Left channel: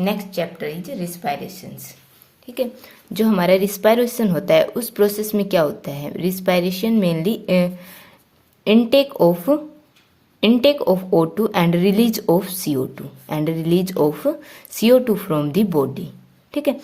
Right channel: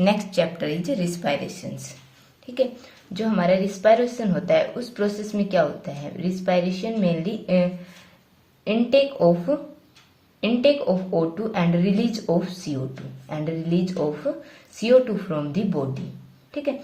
Next chapter is रिस्पायरेशंस। ठीक है, जो हमारा रिस्पायरेशन होता है उस प्रोसेस में क्या होता है? Respiration mainly intake of O2 and release of CO2 from the body. ठीक है,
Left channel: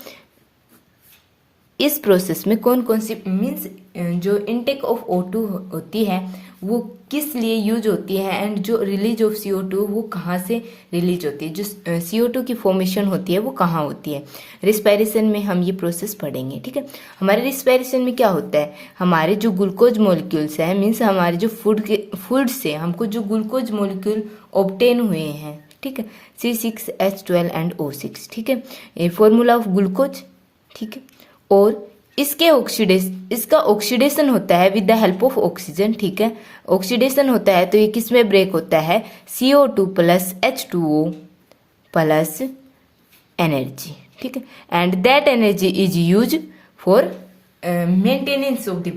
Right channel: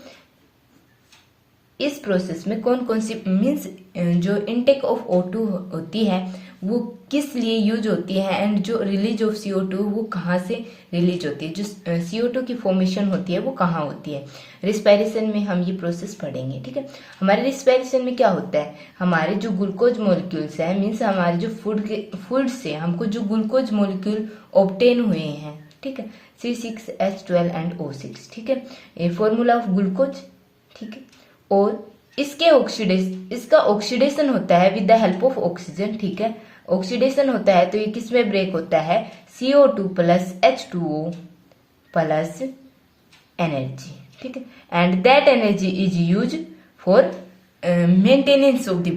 इस प्रोसेस में कौन कौन सी मीन्स जो इनटेक ऑफ O2 होती है वो किस लिए यूज होती है एंड जो रिलीज ऑफ CO2 वो कहाँ से रिलीज होती है, जो CO2 की फॉर्मेशन होती है वो कहाँ होती है। रिस्पायरेशन में हम ये प्रोसेस पढ़ेंगे। ठीक है, हमारे रिस्पायरेशन में क्या होता है, हमारे जो ग्लूकोज मॉलिक्यूल्स हैं मीन्स हमारे जो फूड से हमको जो ग्लूकोज मॉलिक्यूल ऑब्टेन हुए हैं, ठीक है, C6H12 एंड O6। ठीक है, ये फॉर्मूला ऑफ ग्लूकोज। ठीक है, और इसका ऑक्सीडेशन होता है with the help of oxygen. ठीक है, ऑक्सीडेशन होता है तो ये किस में ब्रेक होता है? CO2 plus H2O plus energy. ठीक है, and that energy is use for maintenance of the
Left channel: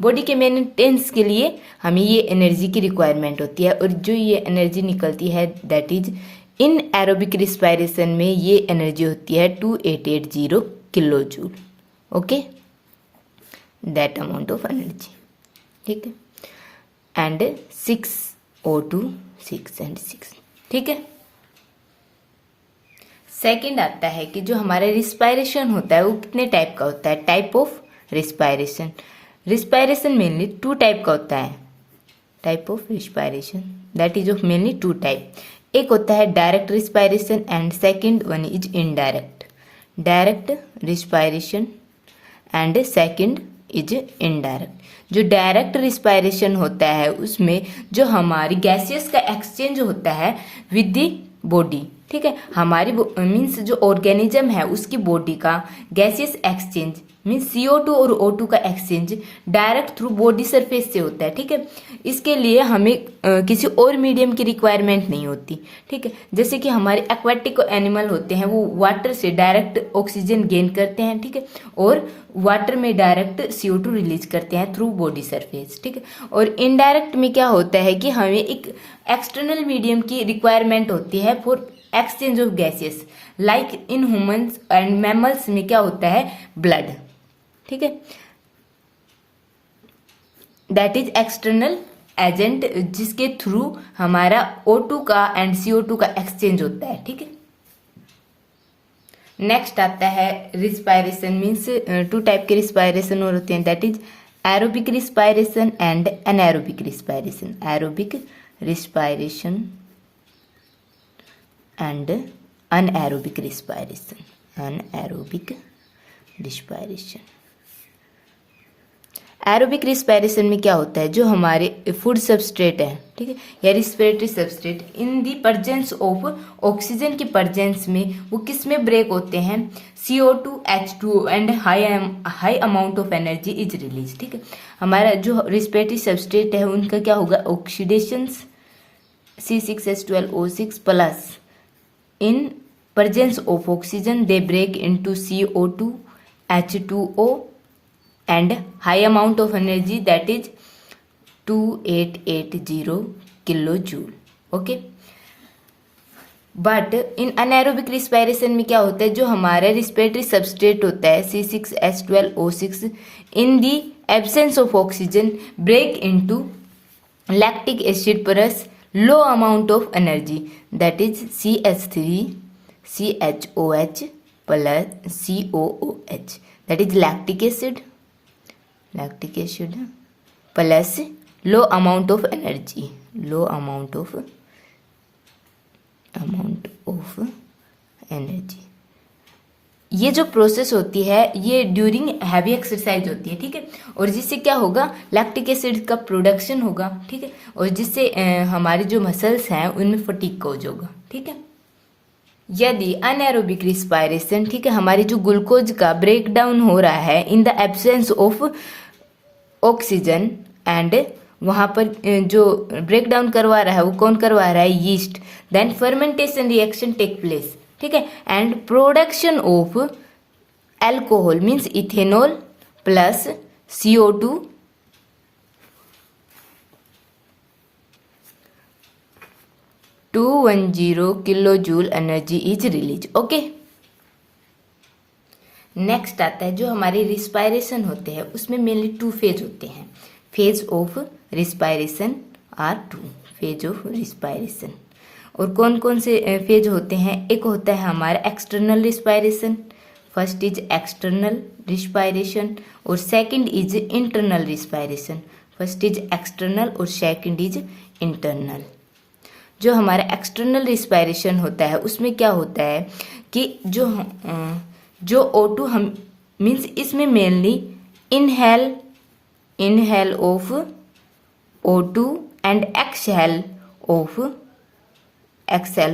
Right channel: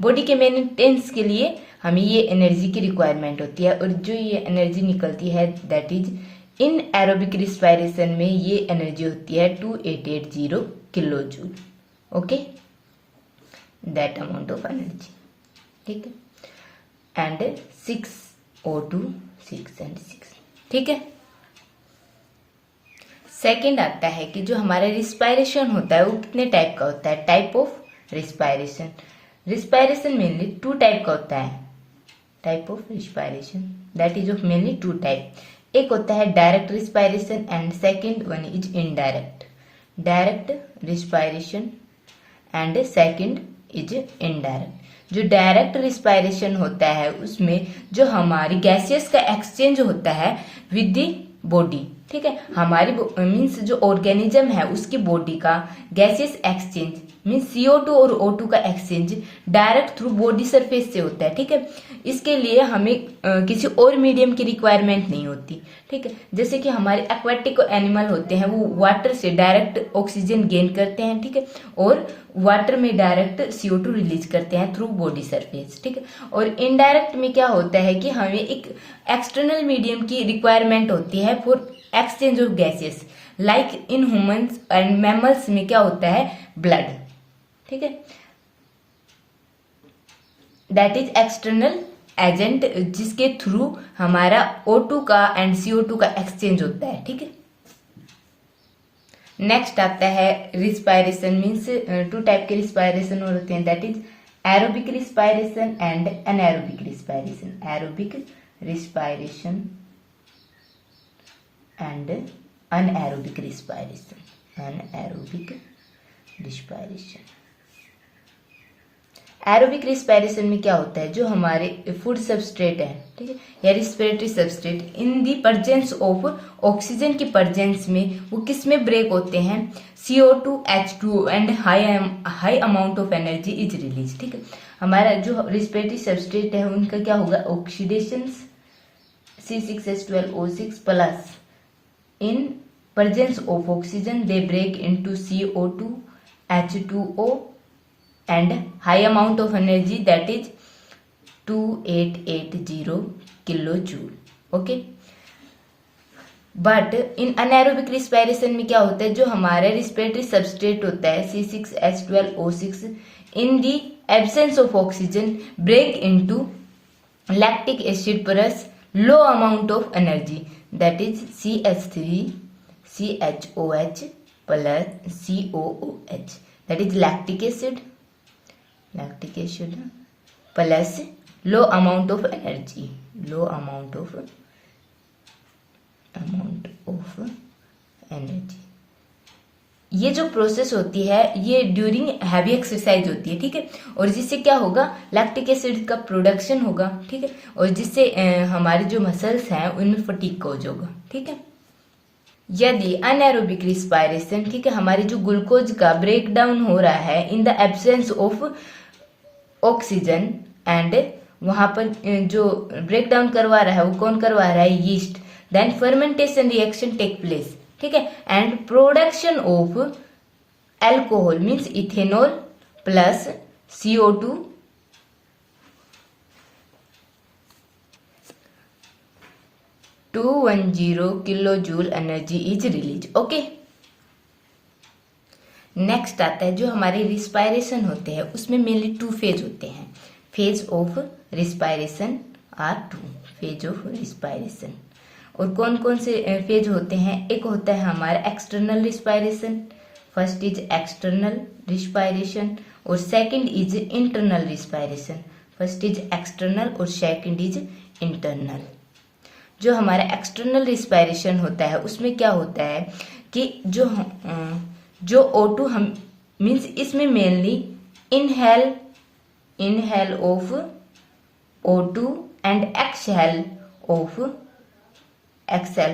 body के मेंटेनेंस के लिए हमें ये एनर्जी की रिक्वायरमेंट होती है। और जो ये एनर्जी निकलती है that is in aerobic respiration में ये एनर्जी होती है 2880 kilo joule. Okay, that amount of energy. ठीक है, एंड 6O2 6 एंड 6। ठीक है, सेकंड आता है कि जो हमारा रिस्पायरेशन होता है वो कितने टाइप का होता है? Type of respiration mainly 2 type का होता है। Type of respiration that is of mainly 2 type. एक होता है direct respiration and second one is indirect. Direct respiration and second is indirect. जो डायरेक्ट रिस्पायरेशन होता है उसमें जो हमारी गैसेस का एक्सचेंज होता है विद द बॉडी। ठीक है, हमारी मीन्स जो ऑर्गेनिज्म है उसकी बॉडी का गैसेस एक्सचेंज मीन्स CO2 और O2 का exchange direct through body surface से होता है। ठीक है, इसके लिए हमें किसी और मीडियम की रिक्वायरमेंट नहीं होती। ठीक है, जैसे कि हमारे एक्वाटिक एनिमल होते हैं वो वाटर से डायरेक्ट ऑक्सीजन गेन करते हैं। ठीक है, और वाटर में डायरेक्ट CO2 रिलीज करते हैं थ्रू बॉडी सरफेस। ठीक है, और इनडायरेक्ट में क्या होता है कि हमें एक एक्सटर्नल मीडियम की रिक्वायरमेंट होती है for exchange of gases like in humans and mammals में क्या होता है? ब्लड। ठीक है, दैट इज एक्सटर्नल एजेंट जिसके थ्रू हमारा O2 का एंड CO2 का एक्सचेंज होता है। ठीक है, नेक्स्ट आता है रिस्पायरेशन मीन्स 2 टाइप के रिस्पायरेशन और होते हैं that is aerobic respiration and anaerobic respiration. Aerobic respiration and anaerobic respiration. Anaerobic respiration. Aerobic respiration में क्या होता है, जो हमारे फूड सबस्ट्रेट है, ठीक है, या respiratory substrate in the presence of oxygen की प्रेजेंस में वो किस में ब्रेक होते हैं? CO2 H2O and high amount of energy is release. ठीक है, हमारा जो रिस्पिरेटरी सबस्ट्रेट है उनका क्या होगा? Oxidation C6H12 O6 plus in presence of oxygen they break into CO2 H2O and high amount of energy that is 2880 kilojoule. Okay, but in anaerobic respiration में क्या होता है, जो हमारा रिस्पिरेटरी सबस्ट्रेट होता है C6H12O6 in the absence of oxygen break into lactic acid plus low amount of energy that is CH3CHOH plus COOH that is lactic acid plus low amount of energy. Low amount of energy. ये जो process होती है ये during heavy exercise होती है। ठीक है, और जिससे क्या होगा? लैक्टिक एसिड का प्रोडक्शन होगा। ठीक है, और जिससे हमारे जो मसल्स हैं उनमें फटीग कॉज होगा। ठीक है, यदि अनएरोबिक रिस्पायरेशन, ठीक है, हमारी जो ग्लूकोज का ब्रेक डाउन हो रहा है in the absence of oxygen and वहां पर जो ब्रेक डाउन करवा रहा है वो कौन करवा रहा है? Yeast. Then fermentation reaction take place. ठीक है, and production of alcohol means ethanol plus CO2 210 kilo joule energy is release. Okay, next आता है जो हमारे रिस्पायरेशन होते हैं, उसमें मेनली 2 फेज होते हैं। Phase of respiration are 2 phase of respiration. और कौन कौन से फेज होते हैं? एक होता है हमारा external respiration, first is external respiration, और second is internal respiration. First is external और सेकंड इज इंटरनल। जो हमारा एक्सटर्नल रिस्पायरेशन होता है उसमें क्या होता है कि जो O2 हम मीन्स इसमें mainly inhale of O2 and exhale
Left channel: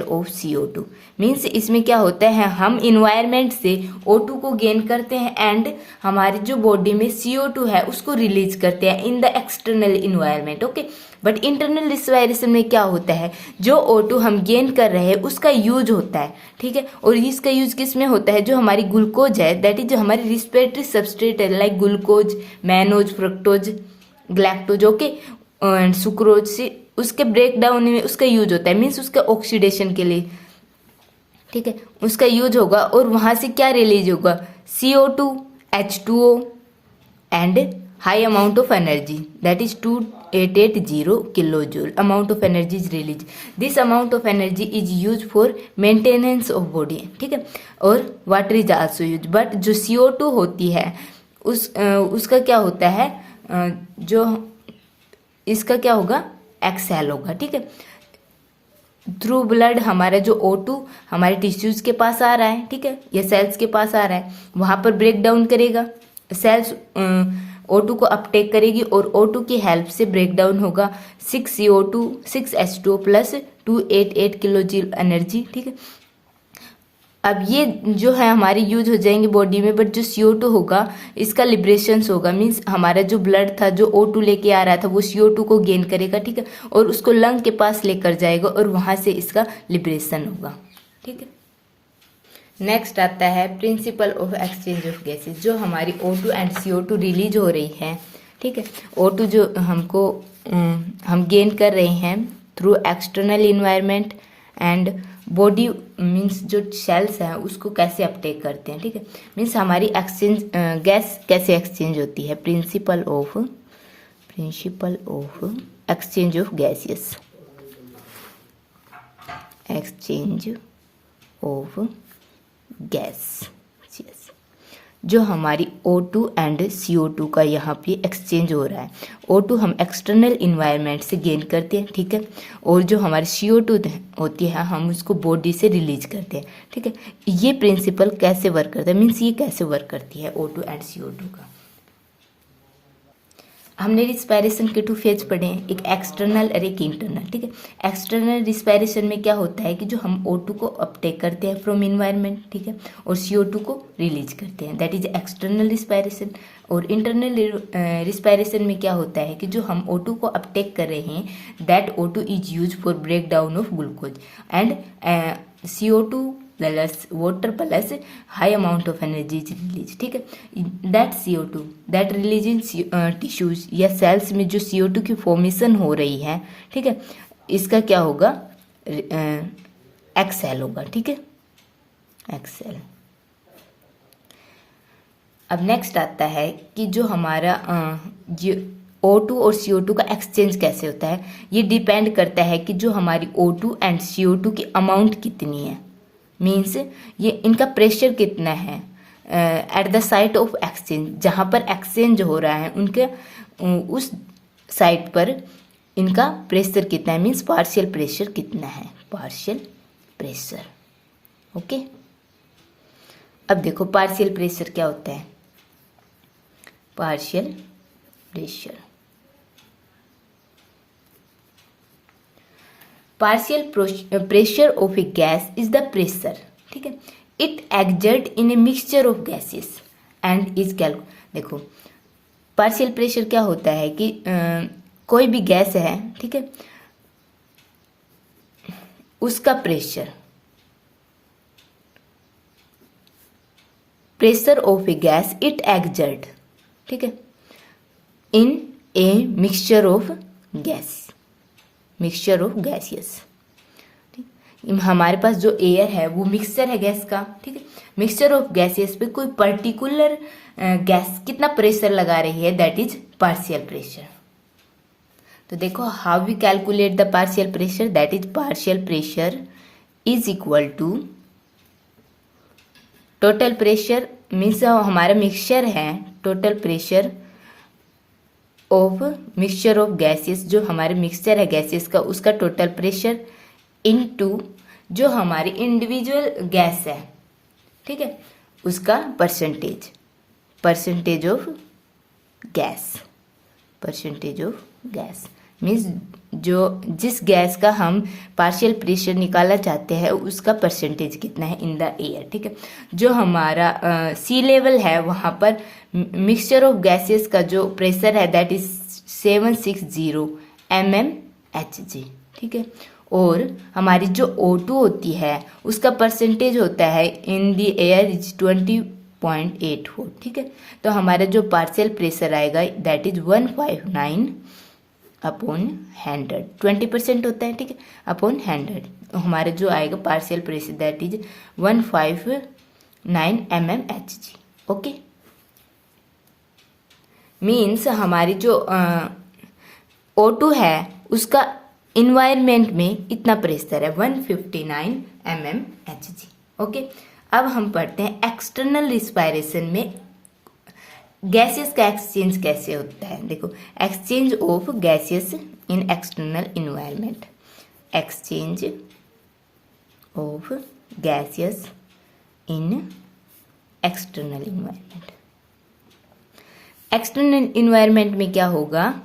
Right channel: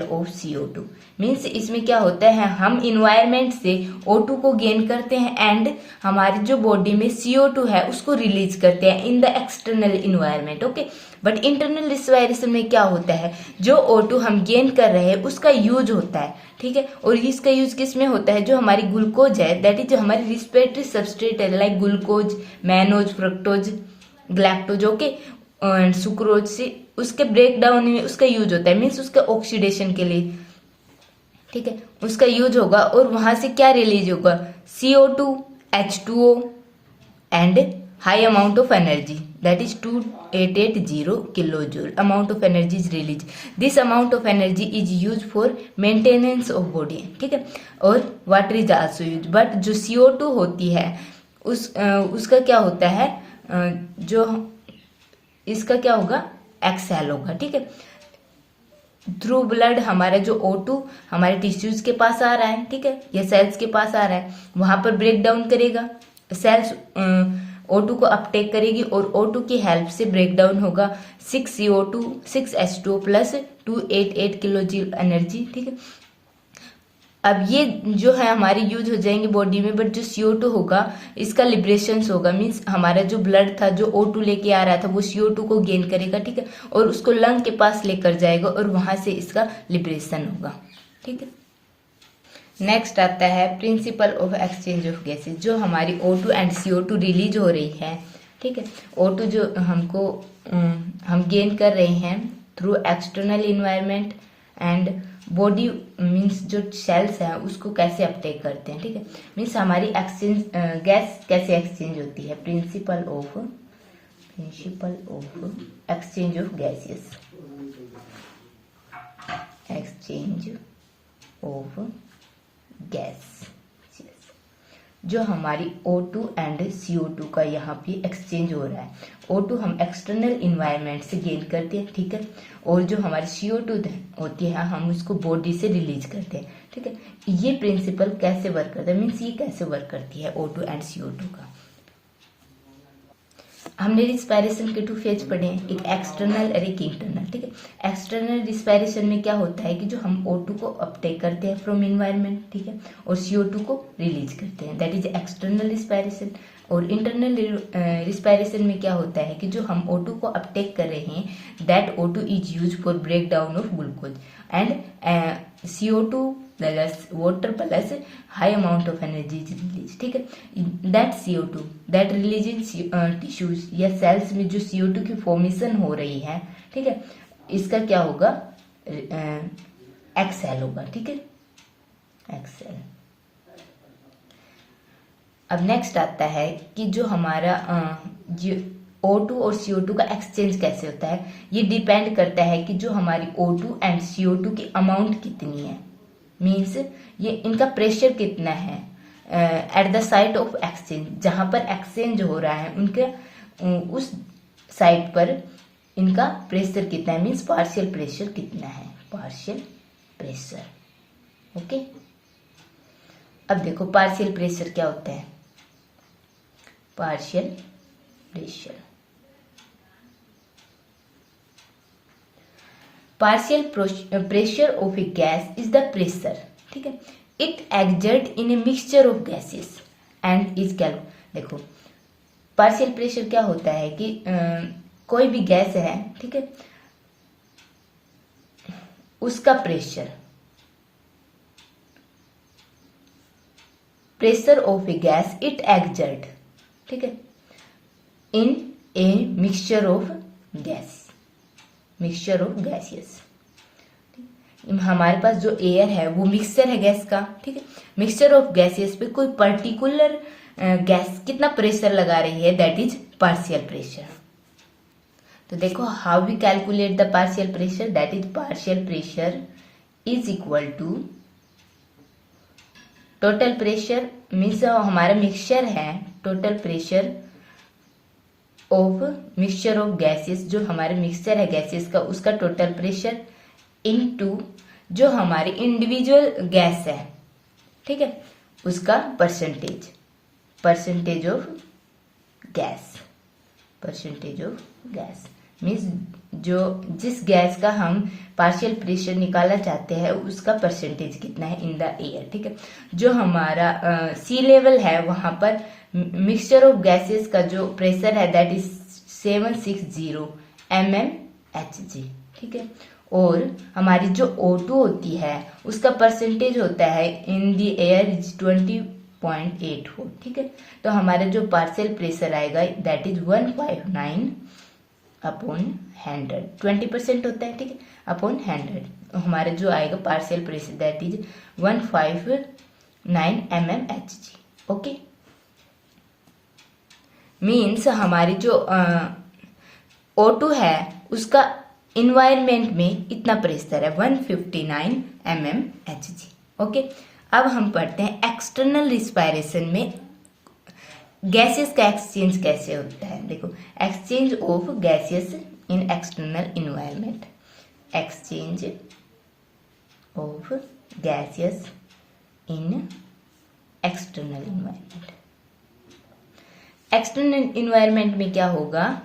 of CO2 means इसमें क्या होता है, हम इन्वायरमेंट से O2 को गेन करते हैं एंड हमारी जो बॉडी में CO2 है उसको रिलीज करते हैं इन the external environment. Okay, but internal respiration में क्या होता है, जो O2 हम गेन कर रहे हैं उसका यूज होता है, ठीक है। और इसका यूज किस में होता है? जो हमारी ग्लूकोज है, दैट इज जो हमारी रिस्पिरेटरी सबस्ट्रेट है, like glucose, mannose, fructose, galactose, okay, sucrose से उसके ब्रेक डाउन में उसका यूज होता है, मीन्स उसका ऑक्सीडेशन के लिए, ठीक है, उसका यूज होगा। और वहां से क्या रिलीज होगा? CO2, H2O and high amount of energy, that is 2880 kilojoule amount of energy is release. This amount of energy is use for maintenance of body, ठीक है। और water is also use, but जो CO2 होती है उसका क्या होता है, जो इसका क्या होगा? एक्सहेल होगा, ठीक है। थ्रू ब्लड हमारा जो O2 हमारे टिश्यूज के पास आ रहा है, ठीक है, या सेल्स के पास आ रहा है, वहां पर ब्रेक डाउन करेगा, सेल्स O2 को अपटेक करेगी और O2 की हेल्प से ब्रेक डाउन होगा 6CO2 6H2O plus 288 kilo joule energy, ठीक है। अब ये जो है हमारी यूज हो जाएंगे बॉडी में, बट जो CO2 होगा इसका लिबरेशन होगा, मीन्स हमारा जो ब्लड था जो O2 लेके आ रहा था वो CO2 को गेन करेगा, ठीक है, और उसको लंग के पास लेकर जाएगा और वहां से इसका लिबरेशन होगा, ठीक है। नेक्स्ट आता है principle of exchange of gases. जो हमारी O2 एंड CO2 रिलीज हो रही है, ठीक है, O2 जो हम गेन कर रहे हैं through external environment and body means जो सेल्स है उसको कैसे अपटेक करते हैं, ठीक है, मीन्स हमारी एक्सचेंज गैस कैसे एक्सचेंज होती है। Principle of exchange of gases, exchange of gas, जो हमारी O2 एंड CO2 का यहाँ पे एक्सचेंज हो रहा है। O2 हम एक्सटर्नल इन्वायरमेंट से गेन करते हैं, ठीक है, और जो हमारी CO2 होती है हम उसको बॉडी से रिलीज करते हैं, ठीक है। ये प्रिंसिपल कैसे वर्क करता है, मीन्स ये कैसे वर्क करती है O2 एंड CO2 का। हमने रिस्पायरेशन के 2 फेज पढ़े हैं, एक एक्सटर्नल और एक इंटरनल, ठीक है। एक्सटर्नल रिस्पायरेशन में क्या होता है कि जो हम O2 को अपटेक करते हैं फ्रॉम इन्वायरमेंट, ठीक है, और CO2 को रिलीज करते हैं, दैट इज एक्सटर्नल रिस्पायरेशन। और इंटरनल रिस्पायरेशन में क्या होता है कि जो हम O2 को अपटेक कर रहे हैं, that O2 is use for break down of glucose and CO2 plus water plus high amount of energy is release, ठीक है। That CO2 that release in tissues या सेल्स में जो CO2 की फॉर्मेशन हो रही है, ठीक है, इसका क्या होगा? एक्सहेल होगा, ठीक है, एक्सहेल। अब नेक्स्ट आता है कि जो हमारा जो O2 और CO2 का एक्सचेंज कैसे होता है। ये डिपेंड करता है कि जो हमारी O2 एंड CO2 की अमाउंट कितनी है, मीन्स ये इनका प्रेशर कितना है at the site of exchange, जहां पर एक्सचेंज हो रहा है उनके उस साइट पर इनका प्रेशर कितना है, मीन्स पार्शियल प्रेशर कितना है, पार्शियल प्रेशर। ओके, अब देखो पार्शियल प्रेशर क्या होता है। Partial pressure, partial pressure of A gas is the pressure, ठीक है, it exert in a mixture of gases and is देखो पार्शियल प्रेशर क्या होता है कि कोई भी गैस है, ठीक है, उसका pressure of A gas it exert, ठीक है, इन ए मिक्सचर ऑफ गैसेस, हमारे पास जो एयर है वो मिक्सचर है गैस का, ठीक है। मिक्सचर ऑफ गैसेस पे कोई पर्टिकुलर गैस कितना प्रेशर लगा रही है, दैट इज पार्शियल प्रेशर। तो देखो how we calculate the partial pressure, that is partial pressure is equal to total pressure, means हमारा मिक्सचर है, total pressure of mixture of gases, जो हमारे मिक्सचर है गैसेस का उसका टोटल प्रेशर इनटू जो हमारी इंडिविजुअल गैस है, ठीक है, उसका percentage, percentage of gas, percentage of gas means जो जिस गैस का हम पार्शियल प्रेशर निकालना चाहते हैं उसका परसेंटेज कितना है इन द एयर, ठीक है। जो हमारा सी लेवल है वहां पर मिक्सचर ऑफ गैसेस का जो प्रेशर है दैट इज 760 mmHg, ठीक है। और हमारी जो O2 होती है उसका परसेंटेज होता है इन द एयर इज 20.84, ठीक है। तो हमारा जो पार्शियल प्रेशर आएगा दैट इज 159 अपॉन 100, 20% होता है, ठीक है, अपॉन 100। तो हमारा जो आएगा partial pressure that is 159 mmHg, okay. Means हमारी जो O2 है उसका इन्वायरमेंट में इतना प्रेशर है 159 mmHg, ओके। अब हम पढ़ते हैं एक्सटर्नल रिस्पायरेशन में गैसेस का एक्सचेंज कैसे होता है। देखो exchange of gases in external environment, exchange of gases in external environment. External environment में क्या होगा,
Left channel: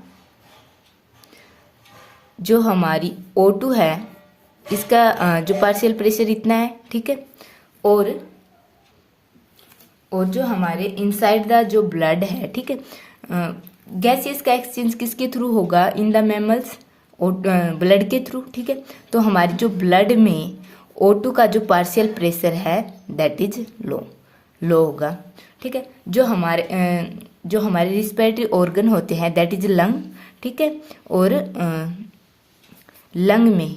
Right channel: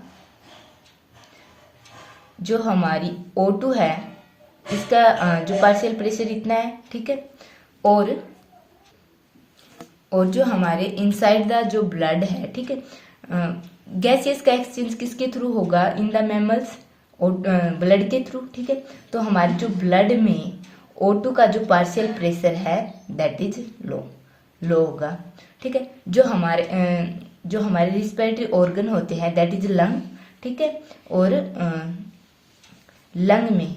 जो हमारी O2 है इसका जो पार्शियल प्रेशर इतना है, ठीक है, और जो हमारे इनसाइड द जो ब्लड है, ठीक है, गैसेस का एक्सचेंज किसके थ्रू होगा, इन द मैमल्स, ब्लड के थ्रू, ठीक है। तो हमारे जो ब्लड में O2 का जो पार्शियल प्रेशर है दैट इज लो होगा, ठीक है। जो हमारे रिस्पिरेटरी ऑर्गन होते हैं दैट इज लंग, ठीक है, और लंग में,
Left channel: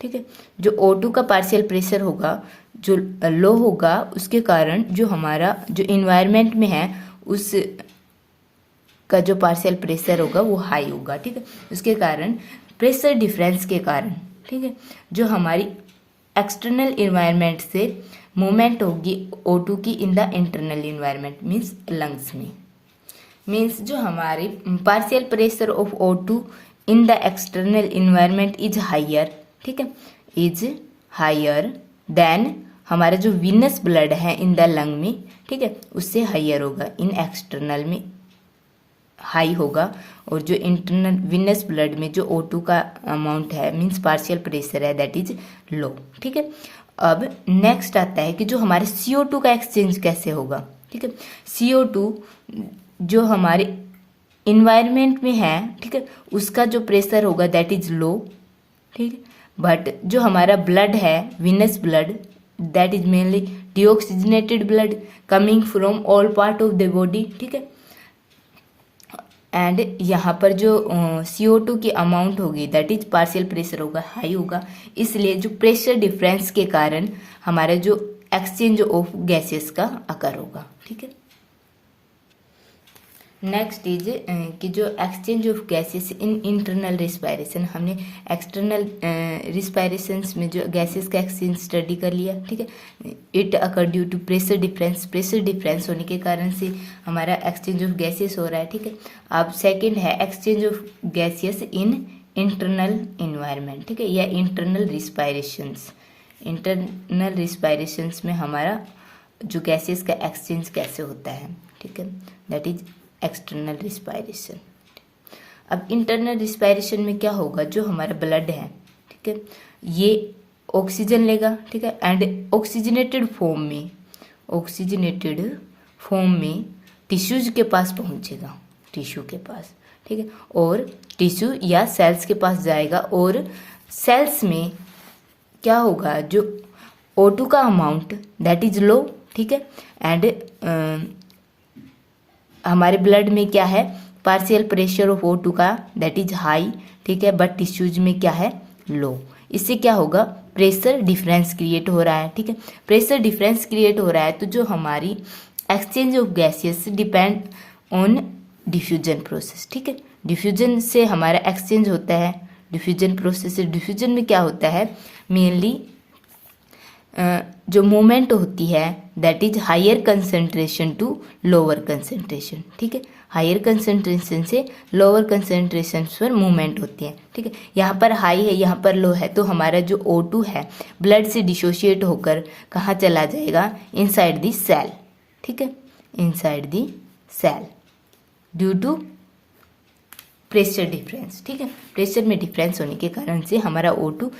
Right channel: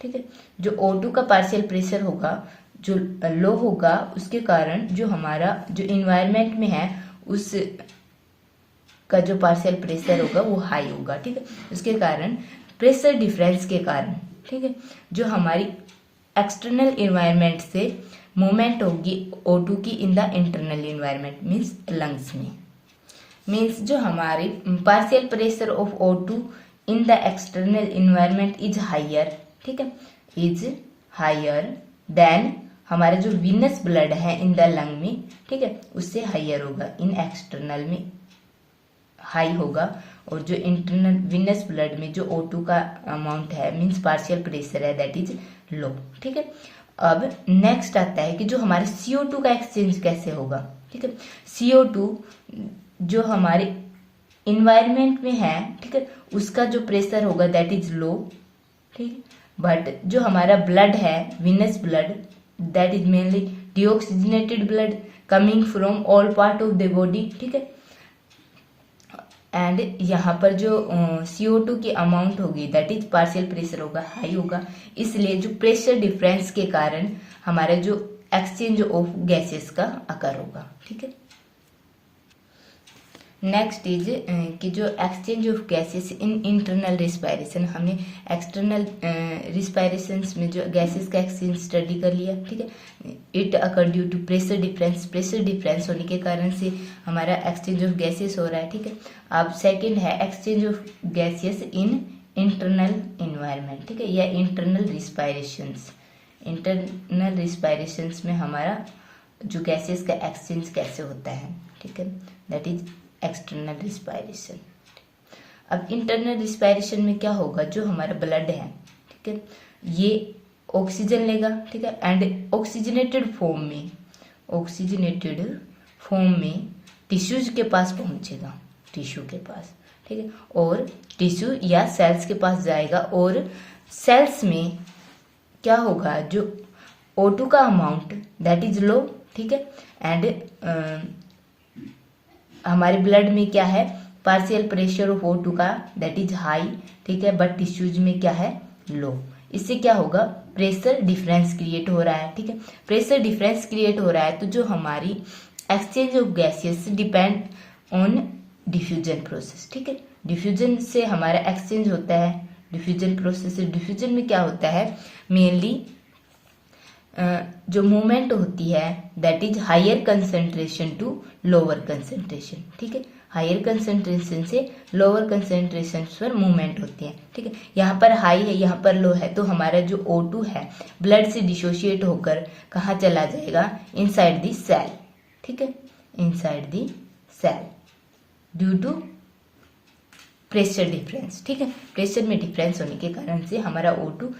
ठीक है, जो O2 का पार्शियल प्रेशर होगा जो लो होगा उसके कारण जो हमारा जो इन्वायरमेंट में है उस का जो पार्शियल प्रेशर होगा वो हाई होगा, ठीक है। उसके कारण प्रेशर डिफरेंस के कारण, ठीक है, जो हमारी एक्सटर्नल इन्वायरमेंट से मूवमेंट होगी O2 की in the internal environment means lungs में, मीन्स जो हमारी partial pressure of O2 in the external environment is higher, ठीक है, इज हायर देन हमारा जो वीनस ब्लड है इन द लंग में, ठीक है, उससे हायर होगा, इन एक्सटर्नल में हाई होगा। और जो इंटरनल वीनस ब्लड में जो O2 का अमाउंट है मीन्स पार्शियल प्रेशर है दैट इज लो, ठीक है। अब नेक्स्ट आता है कि जो हमारे CO2 का एक्सचेंज कैसे होगा, ठीक है। CO2 जो हमारे इन्वायरमेंट में है, ठीक है, उसका जो प्रेशर होगा दैट इज लो, ठीक है। बट जो हमारा ब्लड है venous blood that is mainly deoxygenated blood coming from all part of the body, ठीक है। एंड यहाँ पर जो CO2 की अमाउंट होगी दैट इज पार्शियल प्रेशर होगा, हाई होगा, इसलिए जो प्रेशर डिफरेंस के कारण हमारा जो एक्सचेंज ऑफ गैसेस का अकर होगा, ठीक है। नेक्स्ट इज कि जो exchange of gases in internal respiration, हमने एक्सटर्नल रिस्पायरेशंस में जो गैसेस का एक्सचेंज स्टडी कर लिया, ठीक है। It occur due to pressure difference, pressure difference होने के कारण से हमारा एक्सचेंज ऑफ गैसेस हो रहा है, ठीक है। अब सेकंड है exchange of gases in internal environment, ठीक है, या इंटरनल रिस्पायरेशंस। इंटरनल रिस्पायरेशंस में हमारा जो गैसेस का एक्सचेंज कैसे होता है, ठीक है, दैट इज एक्सटर्नल रिस्पायरेशन। अब इंटरनल रिस्पायरेशन में क्या होगा, जो हमारा ब्लड है, ठीक है, ये ऑक्सीजन लेगा, ठीक है, एंड ऑक्सीजनेटेड फॉर्म में टिश्यूज के पास पहुंचेगा, टिश्यू के पास, ठीक है, और टिश्यू या सेल्स के पास जाएगा, और सेल्स में क्या होगा, जो O2 का अमाउंट दैट इज लो, ठीक है, एंड हमारे ब्लड में क्या है पार्शियल प्रेशर ऑफ O2 का दैट इज हाई, ठीक है, बट टिश्यूज में क्या है लो, इससे क्या होगा, प्रेशर डिफरेंस क्रिएट हो रहा है। ठीक है, प्रेशर डिफरेंस क्रिएट हो रहा है तो जो हमारी exchange of gases depend on diffusion process. ठीक है, डिफ्यूजन से हमारा एक्सचेंज होता है, डिफ्यूजन प्रोसेस। डिफ्यूजन में क्या होता है, मेनली जो मूवमेंट होती है that is higher concentration to lower concentration. ठीक है, हायर कंसंट्रेशन से लोअर कंसंट्रेशन पर मूवमेंट होती है। ठीक है, यहाँ पर हाई है, यहाँ पर लो है, तो हमारा जो O2 है ब्लड से डिसोशिएट होकर कहाँ चला जाएगा, इनसाइड द सेल। ठीक है, inside the cell due to pressure difference. ठीक है, प्रेशर में डिफरेंस होने के कारण से हमारा O2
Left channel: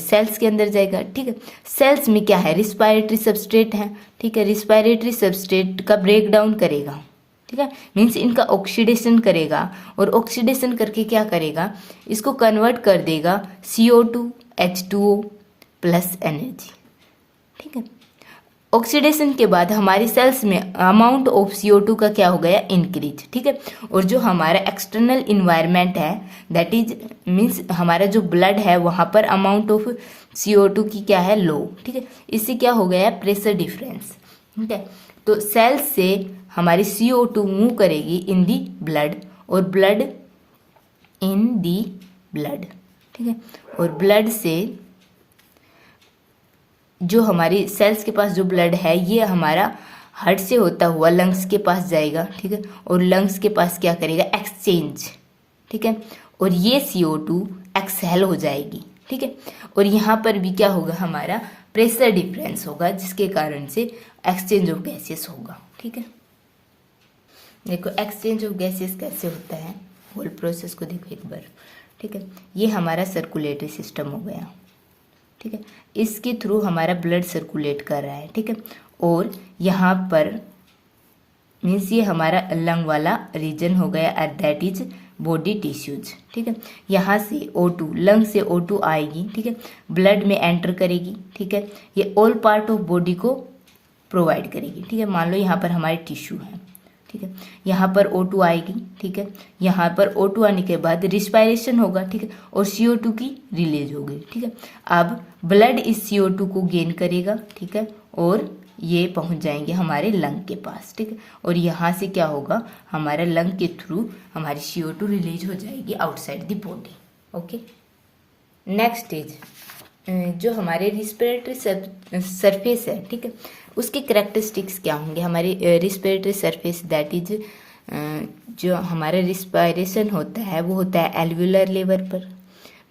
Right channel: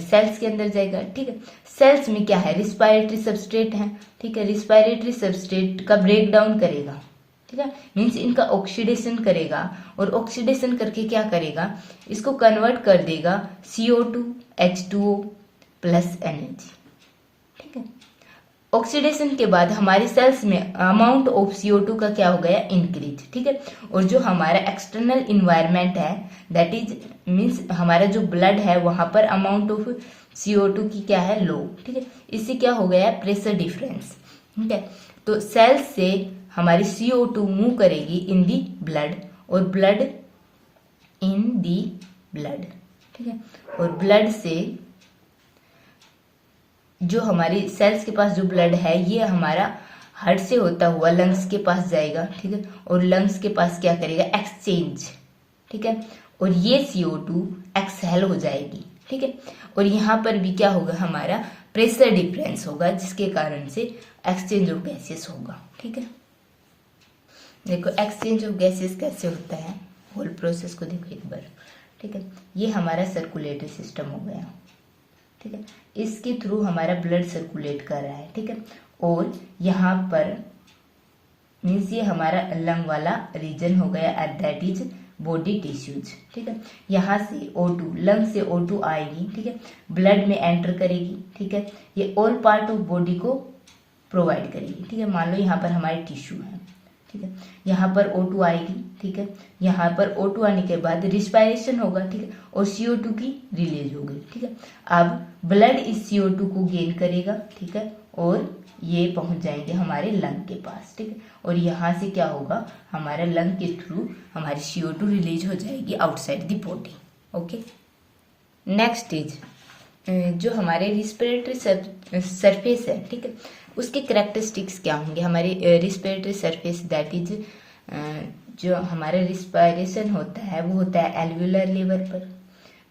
सेल्स के अंदर जाएगा। ठीक है, सेल्स में क्या है, रिस्पायरेटरी सबस्ट्रेट है। ठीक है, रिस्पायरेटरी सबस्ट्रेट का ब्रेक डाउन करेगा। ठीक है, मीन्स इनका ऑक्सीडेशन करेगा, और ऑक्सीडेशन करके क्या करेगा, इसको कन्वर्ट कर देगा CO2 H2O प्लस एनर्जी। ठीक है, ऑक्सीडेशन के बाद हमारे सेल्स में अमाउंट ऑफ CO2 का क्या हो गया, इंक्रीज। ठीक है, और जो हमारा एक्सटर्नल इन्वायरमेंट है दैट इज मीन्स हमारा जो ब्लड है वहां पर अमाउंट ऑफ CO2 की क्या है, लो। ठीक है, इससे क्या हो गया, प्रेशर डिफरेंस। ठीक है, तो सेल्स से हमारी CO2 मूव करेगी इन दी ब्लड, और ब्लड इन दी ब्लड। ठीक है, और ब्लड से जो हमारी सेल्स के पास जो ब्लड है ये हमारा हार्ट से होता हुआ लंग्स के पास जाएगा। ठीक है, और लंग्स के पास क्या करेगा, एक्सचेंज। ठीक है, और ये CO2 एक्सहेल हो जाएगी। ठीक है, और यहाँ पर भी क्या होगा, हमारा प्रेशर डिफरेंस होगा, जिसके कारण से एक्सचेंज ऑफ गैसेस होगा। ठीक है, देखो एक्सचेंज ऑफ गैसेस कैसे होता है, होल प्रोसेस को देखो एक बार। ठीक है, ये हमारा सर्कुलेटरी सिस्टम हो गया। ठीक है, इसके थ्रू हमारा ब्लड सर्कुलेट कर रहा है। ठीक है, और यहाँ पर मीन्स ये हमारा लंग वाला रीजन हो गया, at that is body tissues. ठीक है, यहाँ से O2 लंग से O2 आएगी। ठीक है, ब्लड में एंटर करेगी। ठीक है, ये ऑल पार्ट ऑफ बॉडी को प्रोवाइड करेगी। ठीक है, मान लो यहाँ पर हमारे टिश्यू है। ठीक है, यहाँ पर O2 आएगी। ठीक है, यहाँ पर O2 आने के बाद रिस्पायरेशन होगा। ठीक है, और CO2 की रिलीज होगी। ठीक है, अब ब्लड इस CO2 को गेन करेगा। ठीक है, और ये पहुंच जाएंगे हमारे लंग के पास। ठीक है, और यहाँ से क्या होगा, हमारे लंग के थ्रू हमारी CO2 रिलीज हो जाएगी outside the body. Okay, next is जो हमारे रिस्पिरेटरी सरफेस है। ठीक है, उसके करेक्टरिस्टिक्स क्या होंगे, हमारे रिस्पिरेटरी सरफेस दैट इज जो हमारा रिस्पायरेशन होता है वो होता है एल्वुलर लेवल पर।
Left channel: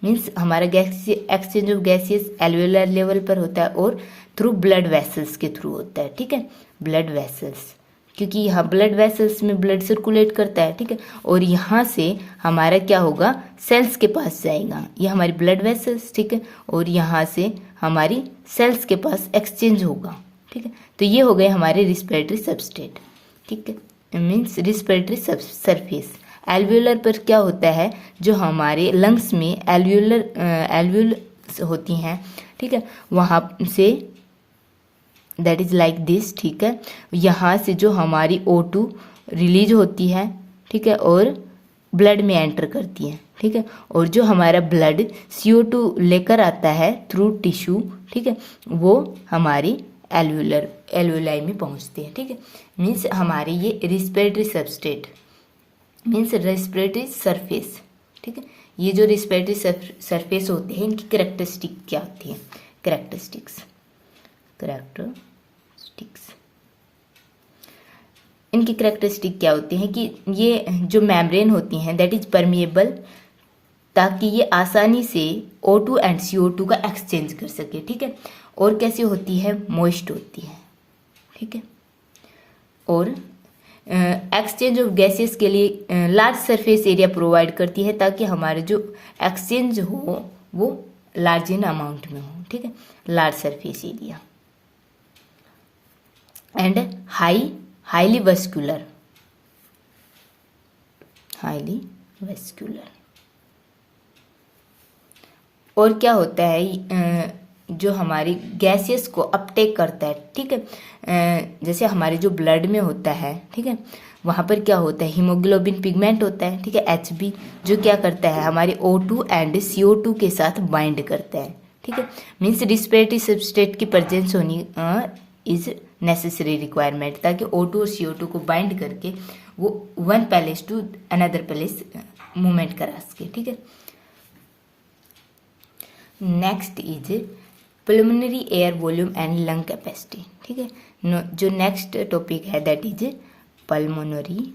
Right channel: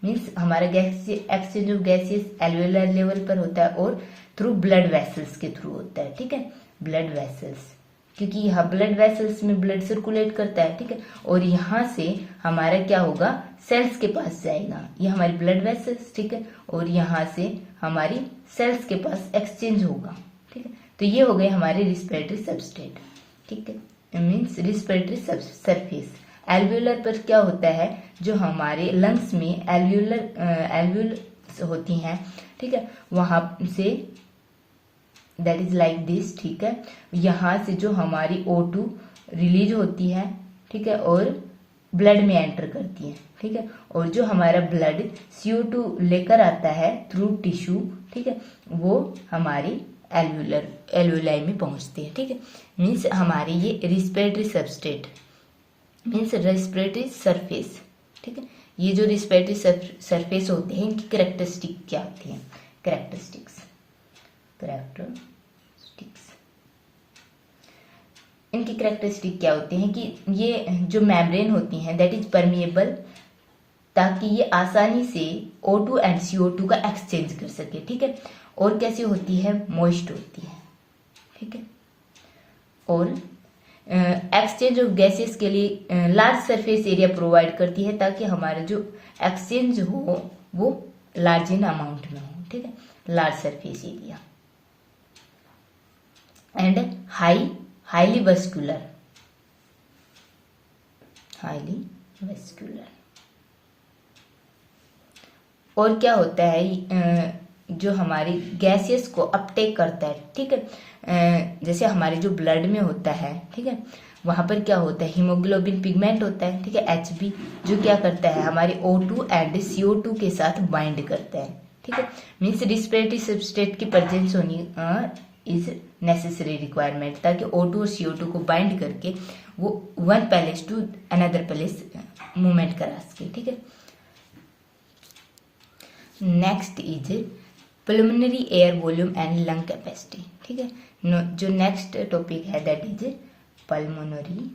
मीन्स हमारा gas exchange of gases alveolar level पर होता है, और थ्रू ब्लड वेसल्स के थ्रू होता है। ठीक है, ब्लड वेसल्स, क्योंकि यहाँ ब्लड वेसल्स में ब्लड सर्कुलेट करता है। ठीक है, और यहाँ से हमारा क्या होगा, सेल्स के पास जाएगा, ये हमारी ब्लड वेसल्स। ठीक है, और यहाँ से हमारी सेल्स के पास एक्सचेंज होगा। ठीक है, तो ये हो गए हमारे रिस्पिरेटरी सबस्ट्रेट। ठीक है, मीन्स रिस्पिरेटरी सरफेस। एल्वुलर पर क्या होता है, जो हमारे लंग्स में एल्वुल होती हैं। ठीक है, वहाँ say that is like this. ठीक है, यहाँ से जो हमारी O2 रिलीज होती है। ठीक है, और ब्लड में एंटर करती है। ठीक है, और जो हमारा ब्लड CO2 लेकर आता है थ्रू टिश्यू। ठीक है, वो हमारी एल्वुलाई में पहुंचती है। ठीक है, मीन्स हमारे ये respiratory substrate means respiratory surface. ठीक है, ये जो रेस्पिरेटरी सरफेस होते हैं इनकी करेक्टरिस्टिक क्या होती है, करेक्टरिस्टिक्स इनकी करेक्टरिस्टिक क्या होती है कि ये जो मेम्ब्रेन होती हैं दैट इज परमिएबल, ताकि ये आसानी से O2 एंड CO2 का एक्सचेंज कर सके। ठीक है, और कैसी होती है, मॉइस्ट होती है। ठीक है, और एक्सचेंज ऑफ गैसेस के लिए लार्ज सरफेस एरिया प्रोवाइड करती है, ताकि हमारे जो एक्सचेंज हो वो लार्ज इन अमाउंट में हो। ठीक है, large surface area and highly vascular और क्या होता है, जो हमारी गैसेस को अपटेक करता है। ठीक है, जैसे हमारे जो ब्लड में होता है। ठीक है, वहां पर क्या होता है, हीमोग्लोबिन पिगमेंट होता है। ठीक है, HB, जो क्या करता है, हमारे O2 एंड CO2 के साथ बाइंड करता है। ठीक है। मीन्स रिस्पिरेटरी सबस्ट्रेट की प्रेजेंस होनी इज नेसेसरी रिक्वायरमेंट, ताकि O2 और CO2 को बाइंड करके वो one place to another place movement करा सके, ठीक है। Next is pulmonary air volume and lung capacity, ठीक है। जो नेक्स्ट टॉपिक है that is pulmonary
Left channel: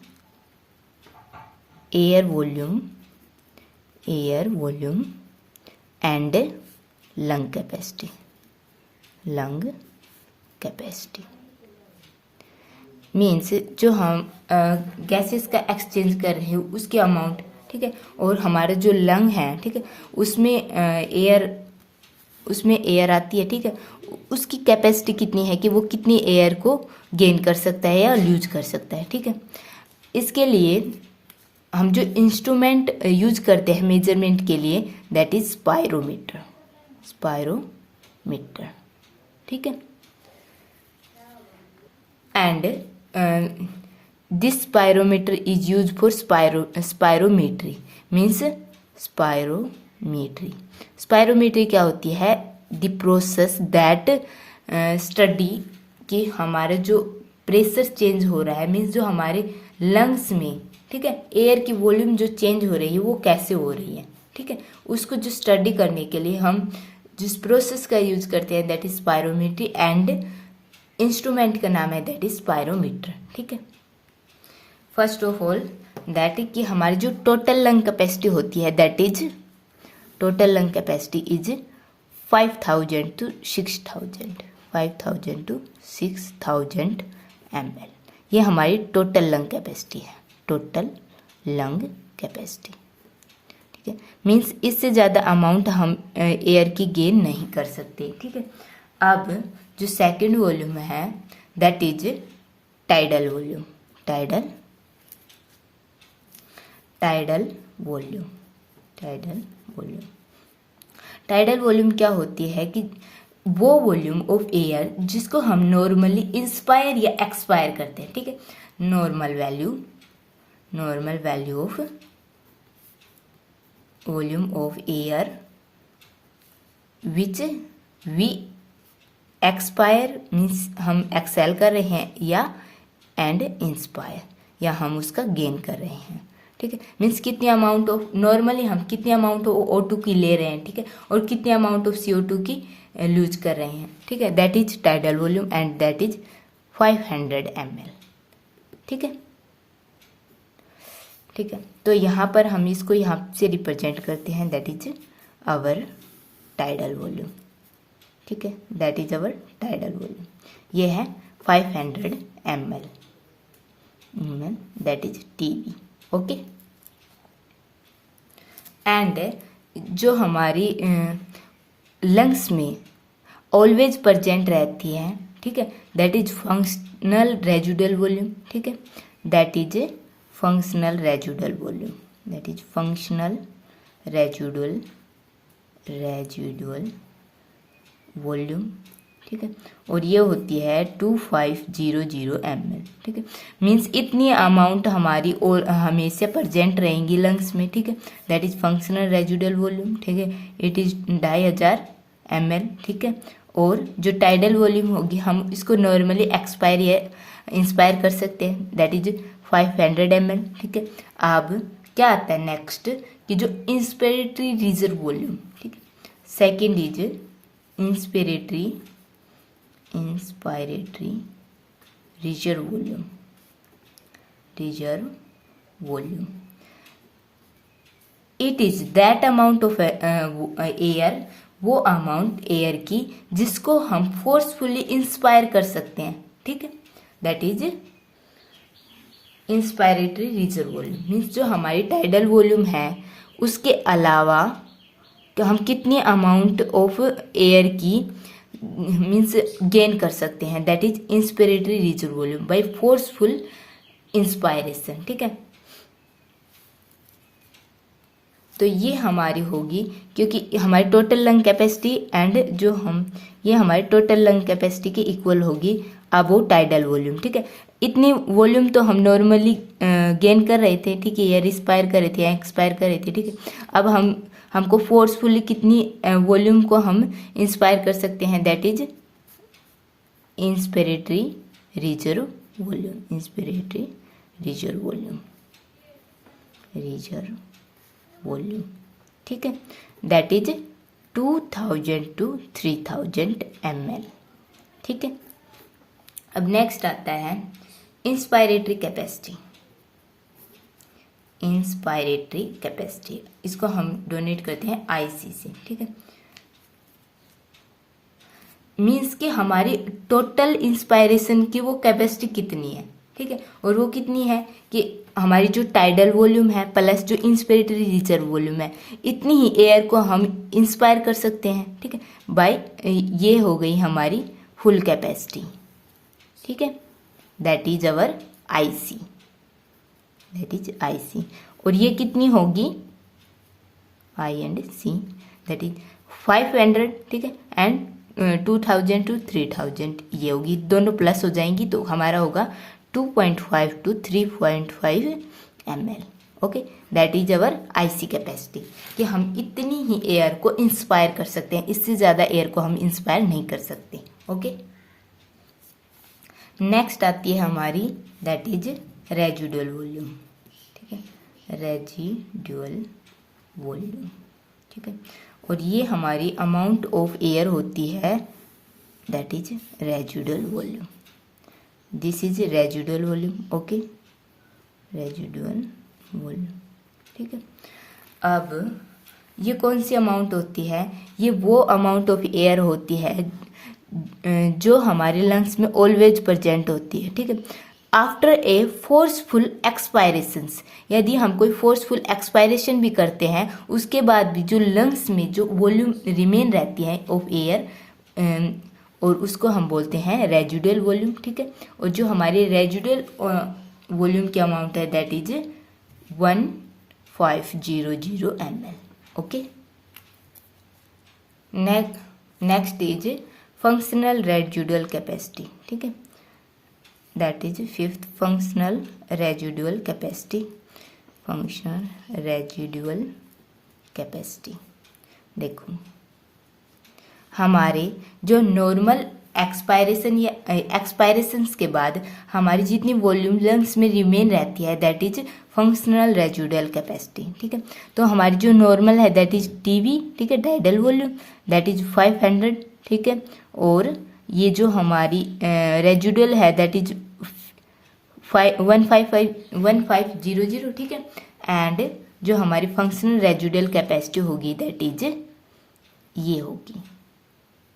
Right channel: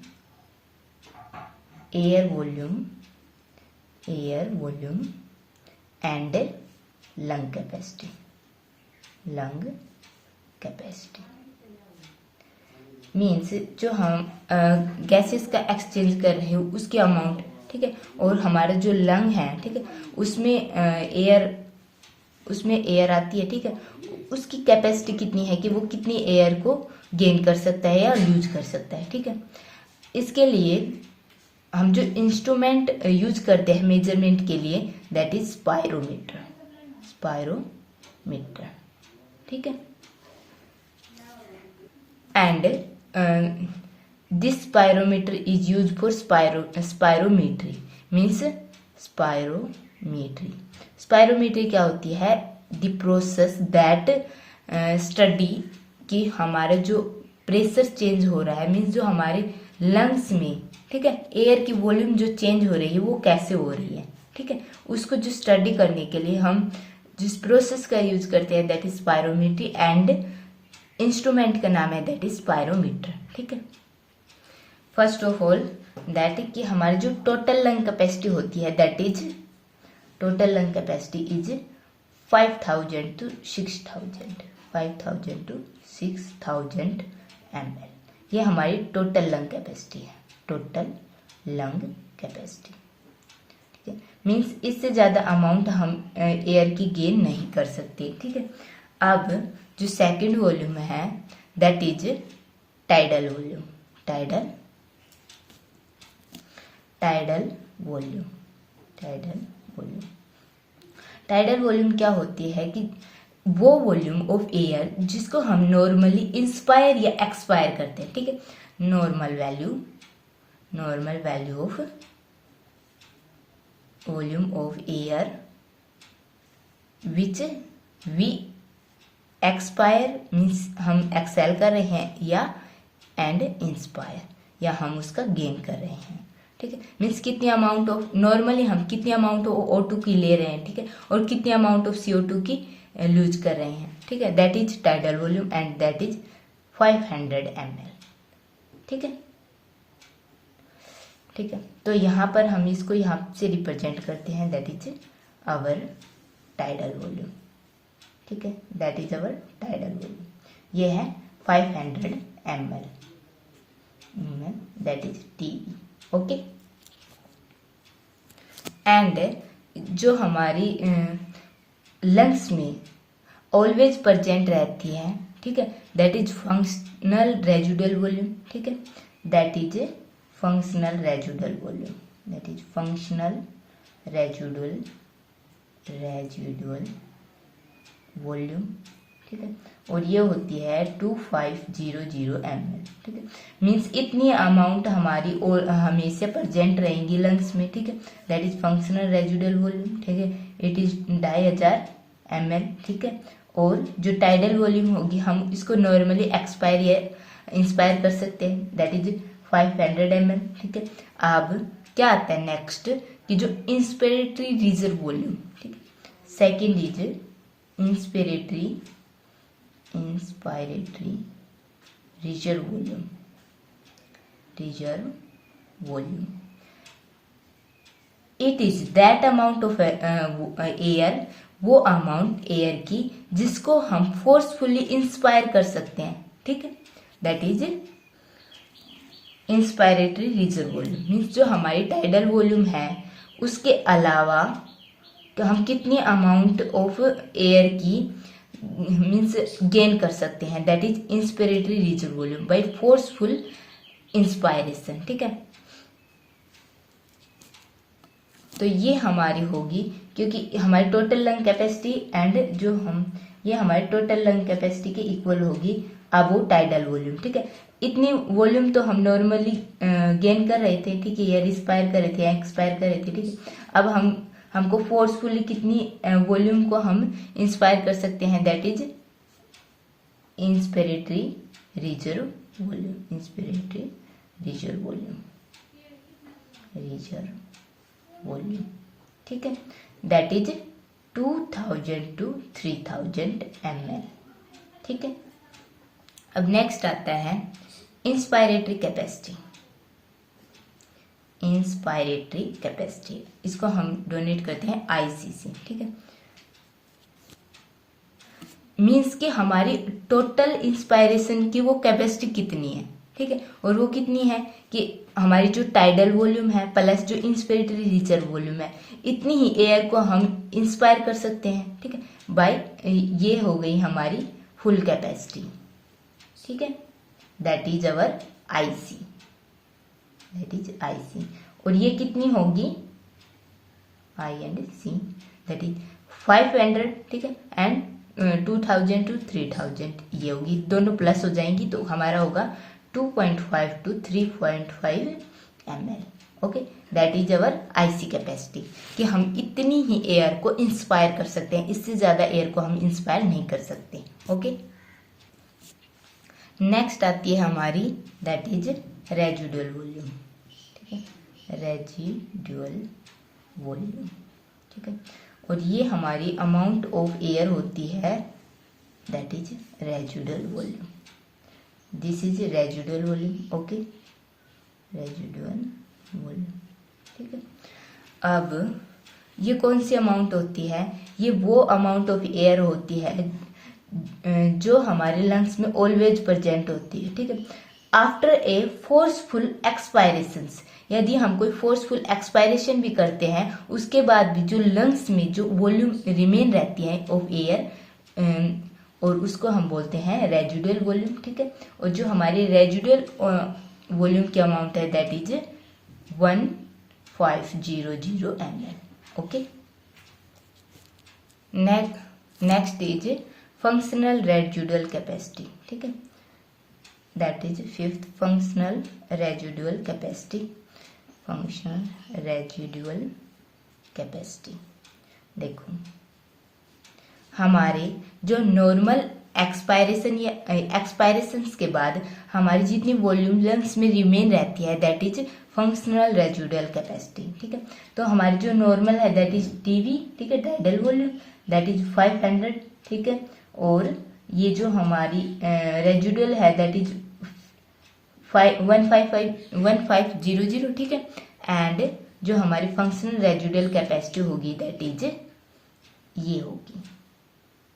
air volume and lung capacity. Means जो हम गैसेस का एक्सचेंज कर रहे हैं उसके अमाउंट, ठीक है, और हमारा जो लंग है, ठीक है, उसमें एयर आती है, ठीक है, उसकी कैपेसिटी कितनी है कि वो कितनी एयर को गेन कर सकता है या लूज कर सकता है, ठीक है। इसके लिए हम जो इंस्ट्रूमेंट यूज करते हैं मेजरमेंट के लिए दैट इज स्पायरोमीटर, ठीक है। And this spirometer is use for spirometry. Means spirometry क्या होती है? द प्रोसेस दैट स्टडी कि हमारा जो प्रेशर चेंज हो रहा है, मीन्स जो हमारे लंग्स में, ठीक है, एयर की वॉल्यूम जो चेंज हो रही है वो कैसे हो रही है, ठीक है, उसको जो स्टडी करने के लिए हम जिस प्रोसेस का यूज करते हैं that is spirometry, and instrument का नाम है दैट इज स्पायरोमीटर, ठीक है। फर्स्ट ऑफ ऑल दैट कि हमारी जो टोटल लंग कैपेसिटी होती है that is total lung capacity is 5000 to 6000 ml। ये हमारी टोटल लंग कैपेसिटी है, टोटल लंग कैपेसिटी, ठीक है। मीन्स इससे ज़्यादा अमाउंट हम एयर की गेन नहीं कर सकते, ठीक है। अब जो सेकंड वॉल्यूम है that is tidal volume, tidal volume क्या होती है कि वो वॉल्यूम ऑफ एयर जिसको हम नॉर्मली इंस्पायर या एक्सपायर करते हैं, ठीक है। Normal value of volume of air which we expire, means हम एक्सेल कर रहे हैं, या एंड इंस्पायर, या हम उसका गेन कर रहे हैं, ठीक है। मीन्स कितनी अमाउंट ऑफ, नॉर्मली हम कितनी अमाउंट ऑफ O2 की ले रहे हैं, ठीक है, और कितनी अमाउंट ऑफ CO2 की लूज कर रहे हैं, ठीक है। That is tidal volume and that is 500 ml, ठीक है। तो यहाँ पर हम इसको यहाँ से रिप्रेजेंट करते हैं that is our tidal volume, ठीक है, that is our tidal volume. ये है 500 ml, that is TB, okay. And जो हमारी लंग्स में ऑलवेज प्रेजेंट रहती है, ठीक है, that is functional residual volume, ठीक है, that is functional residual volume, ठीक है, और ये होती है 2500 ml, ठीक है। मीन्स इतनी अमाउंट हमारी और हमेशा प्रेजेंट रहेंगी लंग्स में, ठीक है, that is functional residual volume, ठीक है, इट इज 2500 ml, ठीक है। और जो टाइडल वॉल्यूम होगी हम इसको नॉर्मली एक्सपायर या इंस्पायर कर सकते हैं, दैट इज 500 ml, ठीक है। अब क्या आता है नेक्स्ट कि जो इंस्पिरेटरी रिजर्व वॉल्यूम, ठीक है, second is inspiratory reserve volume. It is that amount of air, वो अमाउंट एयर की जिसको हम फोर्सफुली इंस्पायर कर सकते हैं, ठीक है, that is inspiratory reserve volume. Means जो हमारी टाइडल वॉल्यूम है उसके अलावा कि हम कितनी अमाउंट ऑफ एयर की मीन्स गेन कर सकते हैं, that is inspiratory reserve volume by forceful inspiration, ठीक है। तो ये हमारी होगी, क्योंकि हमारी टोटल लंग कैपेसिटी एंड जो हम ये हमारी टोटल लंग कैपेसिटी के इक्वल होगी अबव टाइडल वॉल्यूम, ठीक है। इतनी वॉल्यूम तो हम नॉर्मली गेन कर रहे थे, ठीक है, या रिस्पायर कर रहे थे या एक्सपायर कर रहे थे, ठीक है। अब हमको फोर्सफुली कितनी वॉल्यूम को हम इंस्पायर कर सकते हैं, that is inspiratory reserve volume, inspiratory reserve volume, reserve volume, ठीक है, दैट इज 2000 to 3000 ml, ठीक है। अब नेक्स्ट आता है इंस्पायरेटरी कैपेसिटी, इंस्पायरेटरी कैपेसिटी, इसको हम डोनेट करते हैं आईसी से, ठीक है। मीन्स कि हमारी टोटल इंस्पायरेशन की वो कैपेसिटी कितनी है, ठीक है, और वो कितनी है कि हमारी जो टाइडल वॉल्यूम है प्लस जो इंस्पिरेटरी रिजर्व वॉल्यूम है, इतनी ही एयर को हम इंस्पायर कर सकते हैं, ठीक है, बाय ये हो गई हमारी फुल कैपेसिटी, ठीक है, that is our IC, that is IC. और ये कितनी होगी, आई एंड सी, दैट इज 500, ठीक है, एंड 2000 to 3000 ये होगी, दोनों प्लस हो जाएंगी तो हमारा होगा 2.5 to 3.5 ml, okay, that is our IC capacity, कि हम इतनी ही एयर को इंस्पायर कर सकते हैं, इससे ज्यादा एयर को हम इंस्पायर नहीं कर सकते, ओके। नेक्स्ट आती है हमारी दैट इज रेजिडुअल वॉल्यूम, ठीक है, रेजिडुअल वॉल्यूम, ठीक है, और ये हमारी अमाउंट ऑफ एयर होती है, that is residual volume, this is residual volume, okay, residual volume, ठीक है। अब ये कौन सी अमाउंट होती है, ये वो अमाउंट ऑफ एयर होती है जो हमारे लंग्स में ऑलवेज प्रेजेंट होती है, ठीक है, आफ्टर ए फोर्सफुल एक्सपायरेशन, यदि हम कोई फोर्सफुल एक्सपायरेशन भी करते हैं उसके बाद भी जो लंग्स में जो वॉल्यूम रिमेन रहती है ऑफ एयर, और उसको हम बोलते हैं रेजिडुअल वॉल्यूम, ठीक है, और जो हमारी रेजिडुअल वॉल्यूम की अमाउंट है that is 1500 ml, okay. Next is functional residual capacity, ठीक है, that is 5th functional residual capacity, functional residual capacity. देखो हमारे जो नॉर्मल एक्सपायरेशन या एक्सपायरेशंस के बाद हमारी जितनी वॉल्यूम लंग्स में रिमेन रहती है that is functional residual capacity, ठीक है। तो हमारी जो नॉर्मल है दैट इज टीवी, ठीक है, टाइडल वॉल्यूम दैट इज 500, ठीक है, और ये जो हमारी रेजिडुअल है दैट इज 1500, ठीक है, एंड जो हमारी फंक्शनल रेजिडुअल कैपेसिटी होगी दैट इज ये होगी,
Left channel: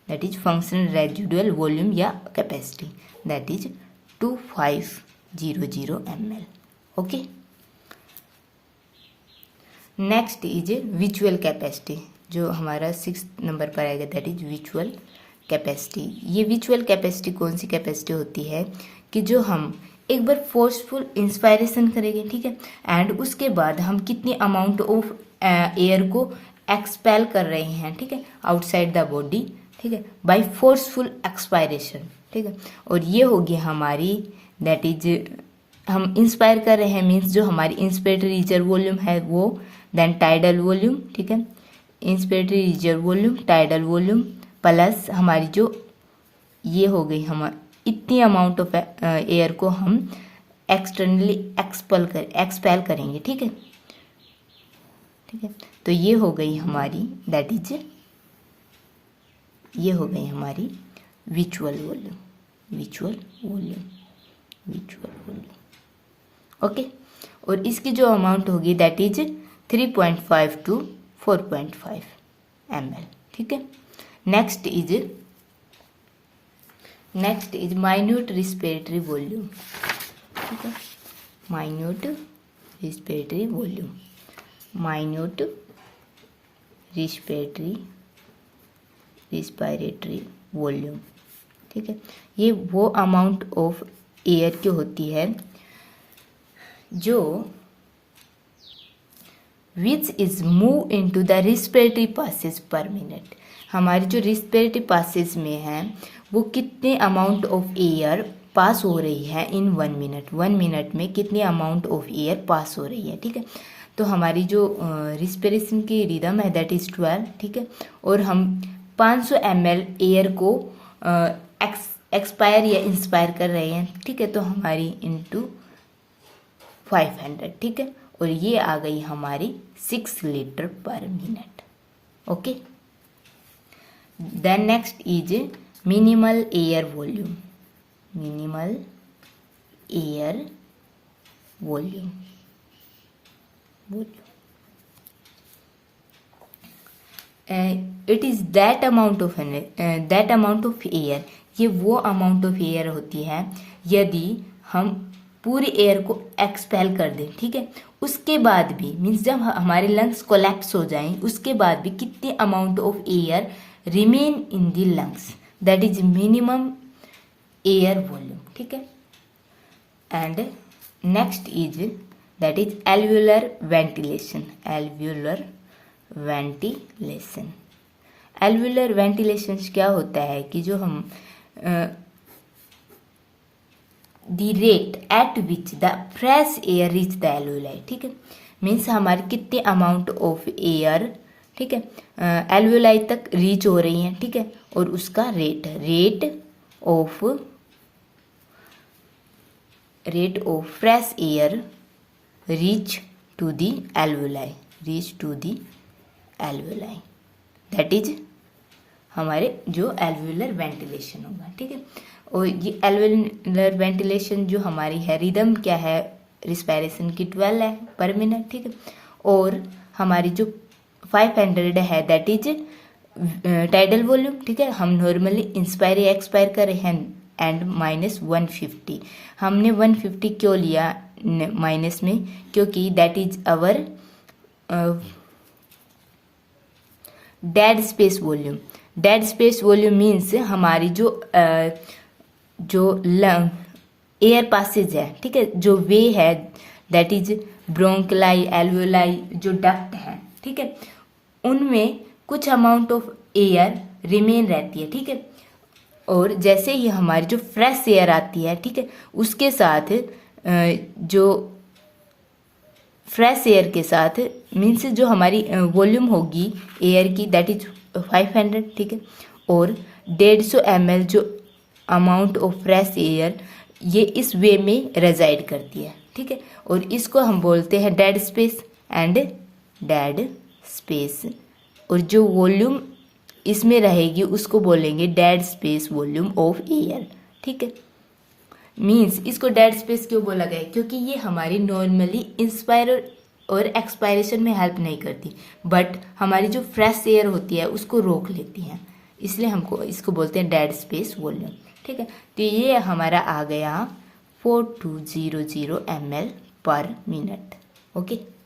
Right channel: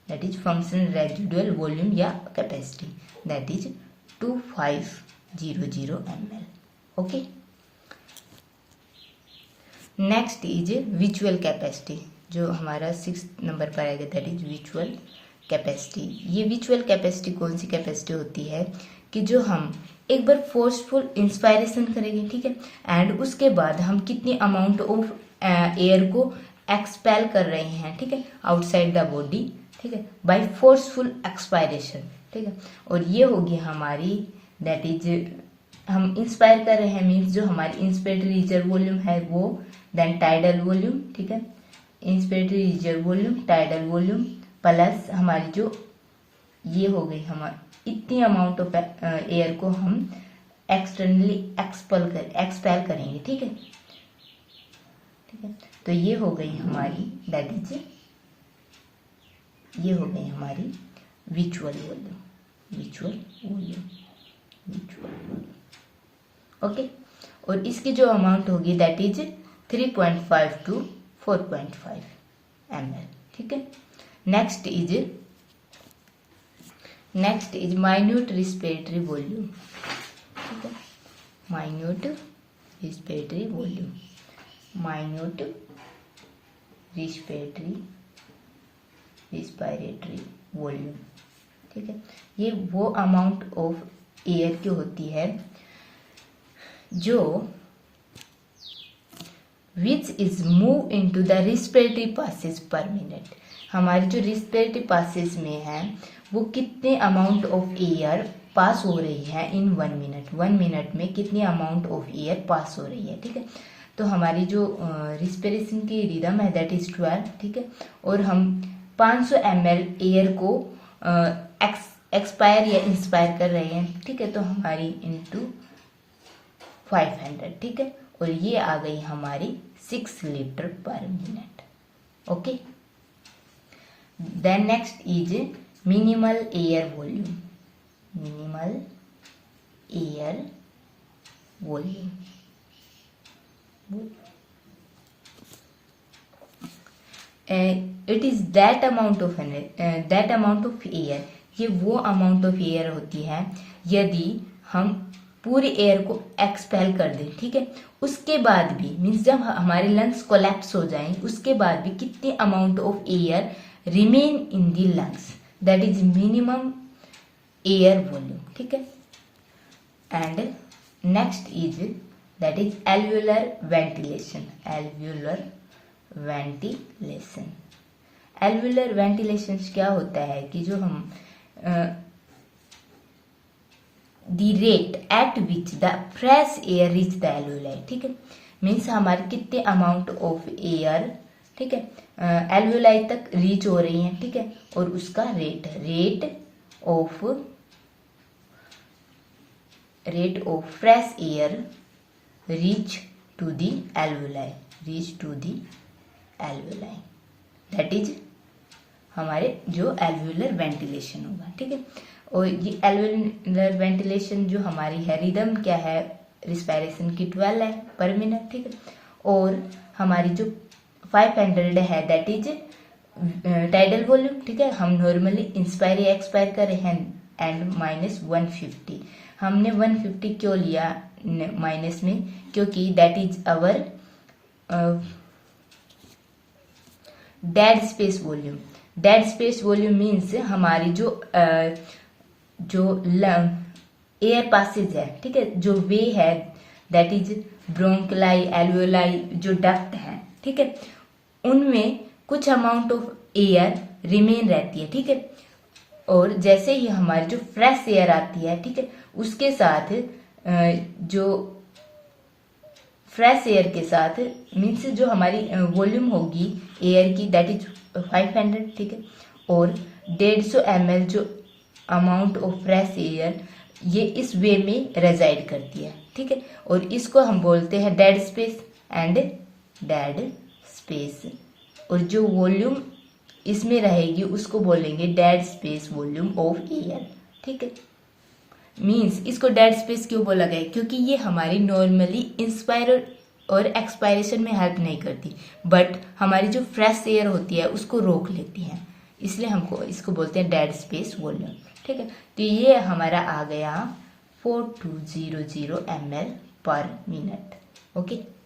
that is functional residual volume या capacity, that is 2500 ml, okay. Next is visual capacity, जो हमारा 6th नंबर पर आएगा, दैट इज विजुअल कैपेसिटी। ये विजुअल कैपेसिटी कौन सी कैपेसिटी होती है कि जो हम एक बार फोर्सफुल इंस्पायरेशन करेंगे, ठीक है, एंड उसके बाद हम कितनी अमाउंट ऑफ एयर को एक्सपेल कर रहे हैं, ठीक है, आउटसाइड द बॉडी, ठीक है, बाय फोर्सफुल एक्सपायरेशन, ठीक है, और ये होगी हमारी दैट इज हम इंस्पायर कर रहे हैं मीन्स जो हमारी इंस्पिरेटरी रिजर्व वॉल्यूम है वो, देन टाइडल वॉल्यूम, ठीक है, inspiratory reserve volume, tidal volume plus हमारी जो ये हो गई हमारी इतनी अमाउंट ऑफ एयर को हम एक्सटर्नली एक्सपेल करेंगे, ठीक है, ठीक है। तो ये हो गई हमारी दैट इज ये हो गई हमारी visual volume, visual volume, visual volume, okay. और इसकी जो अमाउंट होगी दैट इज 3.5 to 4.5 ml, ठीक है। Next is minute respiratory volume, ठीक है, minute respiratory volume, minute respiratory volume, ठीक है। ये वो अमाउंट ऑफ एयर की होती है जो which is move into the respiratory passage per minute. हमारे जो रिस्पिरेटरी पासेज में है वो कितने अमाउंट ऑफ एयर पास हो रही है इन 1 मिनट, 1 मिनट में कितनी अमाउंट ऑफ एयर पास हो रही है, ठीक है। तो हमारी जो रिस्पिरेशन की रिदम है दैट इज 12, ठीक है। और हम 500 ml एयर को एक्सपायर या इंस्पायर कर रहे हैं, ठीक है। तो हमारी इंटू 500, ठीक है। और ये आ गई हमारी 6 litre per minute. Okay, then next is minimal air volume. Minimal air volume, it is that amount of air. ये वो अमाउंट ऑफ एयर होती है यदि हम पूरी एयर को एक्सपेल कर दें, ठीक है। उसके बाद भी मीन्स जब हमारे लंग्स कोलैप्स हो जाएं, उसके बाद भी कितने amount of air remain in the lungs, that is minimum air volume, ठीक है। And next is that is alveolar ventilation. Alveolar ventilation, alveolar ventilation क्या होता है कि जो हम the rate at which the fresh air reach the alveoli, ठीक है। मीन्स हमारे कितने अमाउंट ऑफ एयर, ठीक है, एल्वुलाई तक रीच हो रही है, ठीक है। और उसका rate of fresh air reach to the alveoli, that is हमारे जो एल्वुलर वेंटिलेशन होगा, ठीक है। और ये एल्वुलर वेंटिलेशन जो हमारी है रिदम क्या है रिस्पायरेशन की 12 है पर मिनट, ठीक है। और हमारी जो 500 है दैट इज टाइडल वॉल्यूम, ठीक है। हम नॉर्मली इंस्पायर या एक्सपायर कर रहे हैं एंड माइनस 150। हमने 150 क्यों लिया माइनस में, क्योंकि that is our dead space volume. Dead space volume means हमारी जो लंग एयर पासेज है, ठीक है, जो वे है दैट इज ब्रोंकलाई, एल्वुलाई, जो डक्ट है, ठीक है, उनमें कुछ अमाउंट ऑफ एयर रिमेन रहती है, ठीक है। और जैसे ही हमारी जो फ्रेश एयर आती है, ठीक है, उसके साथ जो फ्रेश एयर के साथ मीन्स जो हमारी वॉल्यूम होगी एयर की दैट इज 500, ठीक है। और 150 ml जो अमाउंट ऑफ फ्रेश एयर ये इस वे में रेजाइड करती है, ठीक है। और इसको हम बोलते हैं डेड स्पेस डेड स्पेस। और जो वॉल्यूम इसमें रहेगी उसको बोलेंगे dead space volume of air, ठीक है। मीन्स इसको डेड स्पेस क्यों बोला गया, क्योंकि ये हमारी नॉर्मली इंस्पायर और एक्सपायरेशन में हेल्प नहीं करती, बट हमारी जो फ्रेश एयर होती है उसको रोक लेती है, इसलिए हमको इसको बोलते हैं डेड स्पेस वॉल्यूम, ठीक है। तो ये हमारा आ गया 4200 ml पर मिनट। ओके।